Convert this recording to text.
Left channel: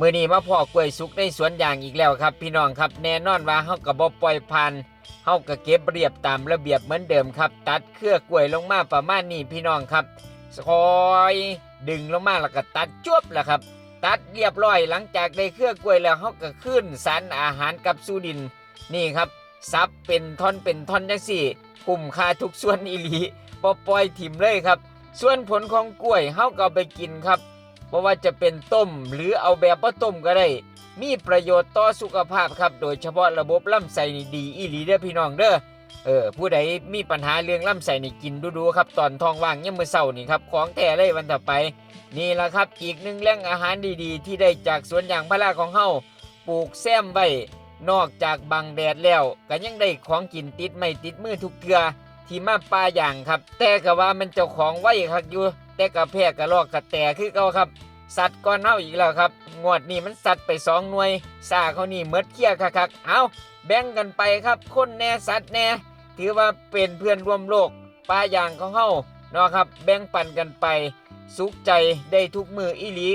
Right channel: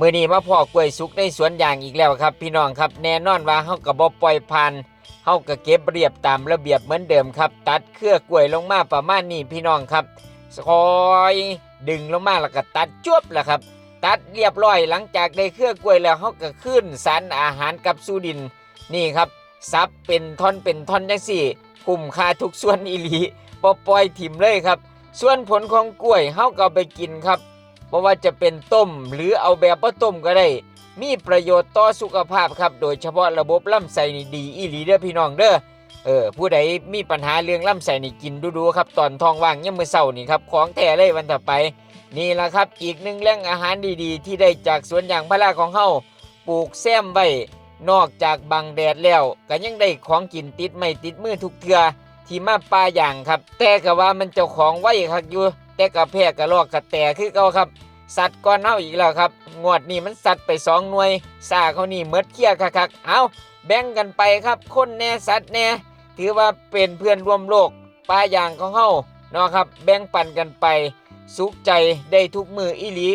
มื้อนี้มาพ่อกล้วยสุกในสวนยางอีกแล้วครับพี่น้องครับแน่นอนว่าเฮาก็บ่ปล่อยผ่านเฮาก็เก็บเรียบตามระเบียบเหมือนเดิมครับตัดเครือกล้วยลงมาประมาณนี้พี่น้องครับคอยดึงลงมาแล้วก็ตัดจวบแล้วครับตัดเรียบร้อยหลังจากได้เครือกล้วยแล้วเฮาก็ขึ้นสารอาหารกับสู่ดินนี่ครับซับเป็นท่อนจังซี่คุ้มค่าทุกส่วนอีหลีบ่ปล่อยถิ่มเลยครับส่วนผลของกล้วยเฮาก็เอาไปกินครับเพราะว่าจะเป็นต้มหรือเอาแบบบ่ต้มก็ได้มีประโยชน์ต่อสุขภาพครับโดยเฉพาะระบบลำไส้นี่ดีอีหลีเด้อพี่น้องเด้อผู้ใดมีปัญหาเรื่องลำไส้นี่กินดูๆครับตอนท้องว่างยามมื้อเช้านี่ครับของแท้เลยวันต่อไปนี่ล่ะครับอีกหนึ่งแหล่งอาหารดีๆที่ได้จากสวนยางพาราของเฮาปลูกแซมไว้นอกจากบังแดดแล้วก็ยังได้ของกินติดไม้ติดมือทุกเทื่อที่มาป่าอย่างครับแต่ก็ว่ามันเจ้าของไว้คักอยู่แต่ก็แพ้กระรอกกระแตคือเก่าครับสัตว์ก่อนเฮาอีกแล้วครับงวดนี้มันสัตว์ไป2หน่วยซ่าเขานี่หมดเกลี้ยคักๆเอาแบ่งกันไปครับคนแน่สัตว์แน่ถือว่าเป็นเพื่อนร่วมโลกป่าอย่างของเฮาเนาะครับแบ่งปันกันไปสุขใจได้ทุกมืออีหลี